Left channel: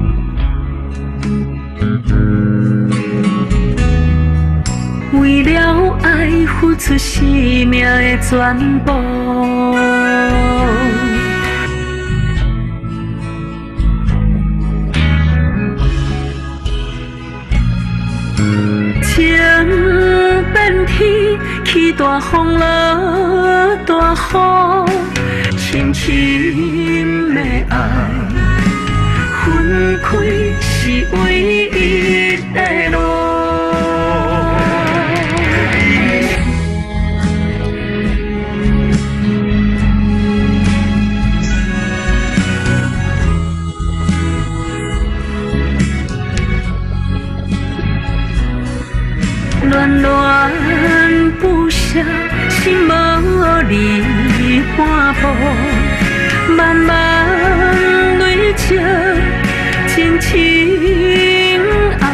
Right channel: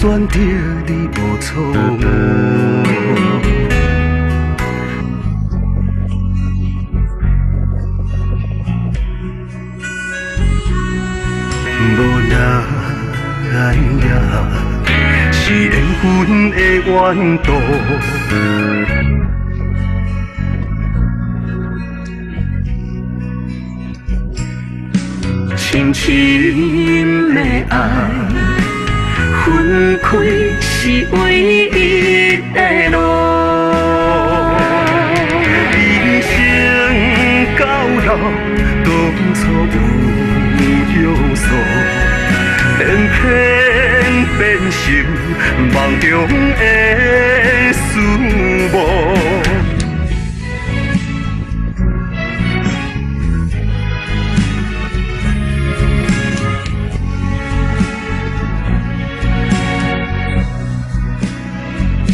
选择你无错误，为了爱付出生命的全部，无奈也是缘分的缘途，情变天，起大风落大雨，深深的爱分开是唯一的路。人生到老，当初有约束，偏偏变成梦中的事物。恋恋不舍，心无离半步，慢慢累积。情爱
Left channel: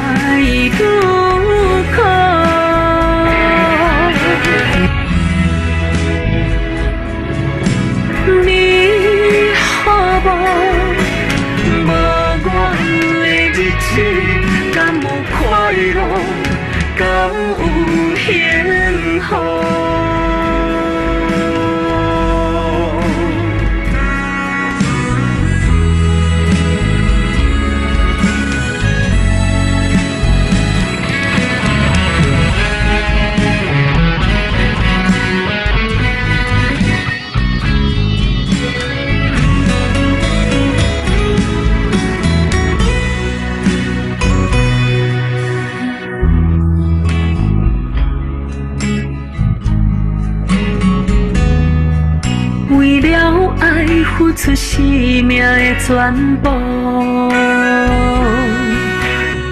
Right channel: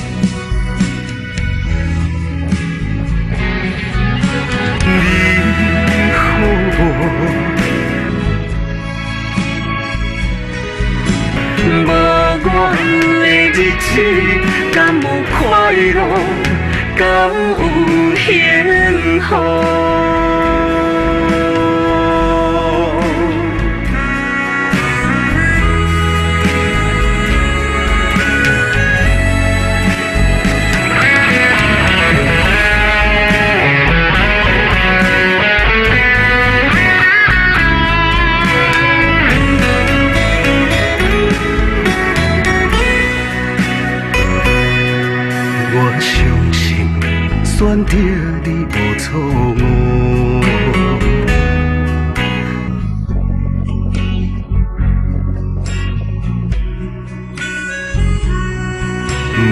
愈苦，你好无？无阮的日子，敢有快乐？敢有幸福？选择你无错误，为了爱付出生命的全部，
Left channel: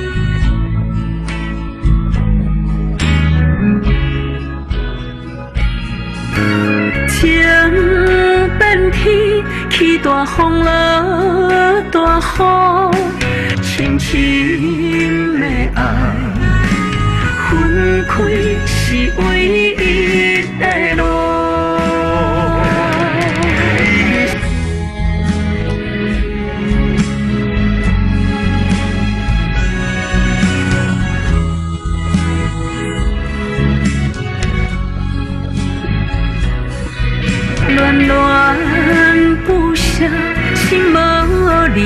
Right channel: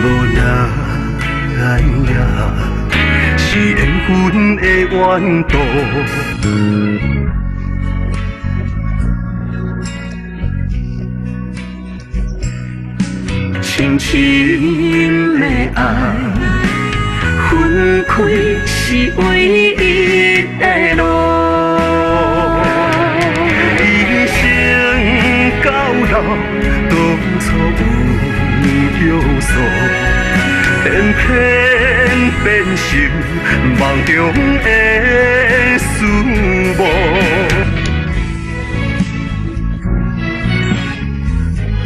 无奈也是缘分的缘途，情变天，起大风落大雨，深深的爱分开是唯一的路。人生到老，当初有约束，偏偏变成梦中的事物。恋恋不舍，心无离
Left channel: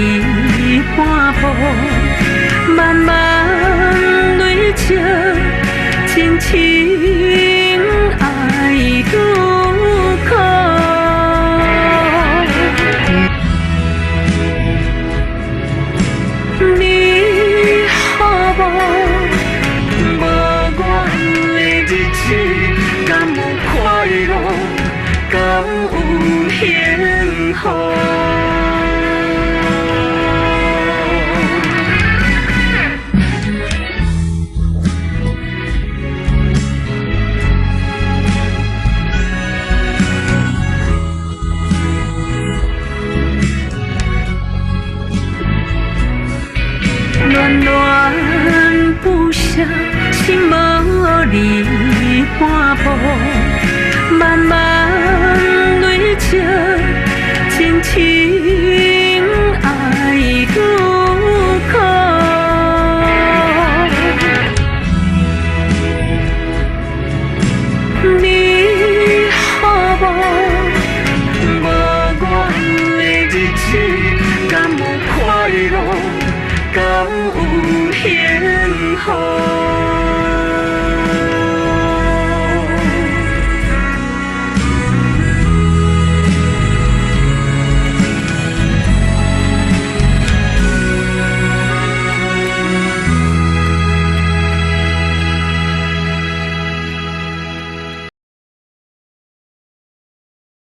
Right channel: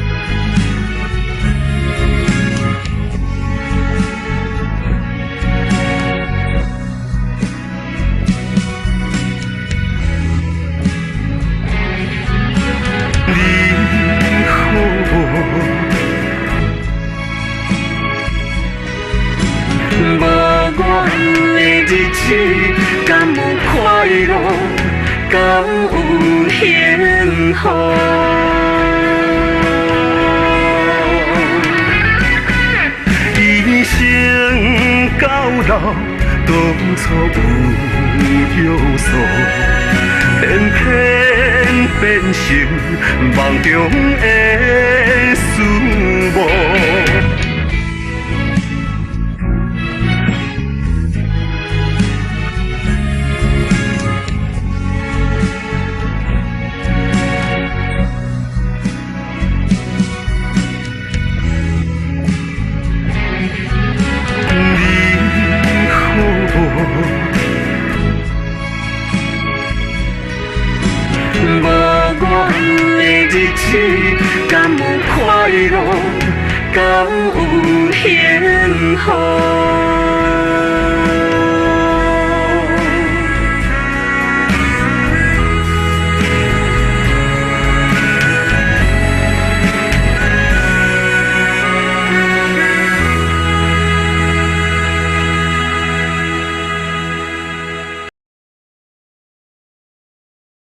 半步，慢慢累积。情爱愈苦，你好无？无阮的日子，敢有快乐？敢有幸福？一生到老。当初有约束，偏偏变成梦中的事物。恋恋不舍，心无离半步，慢慢累积，情爱愈苦。你好无？无阮的日子，敢有快乐？敢有幸福？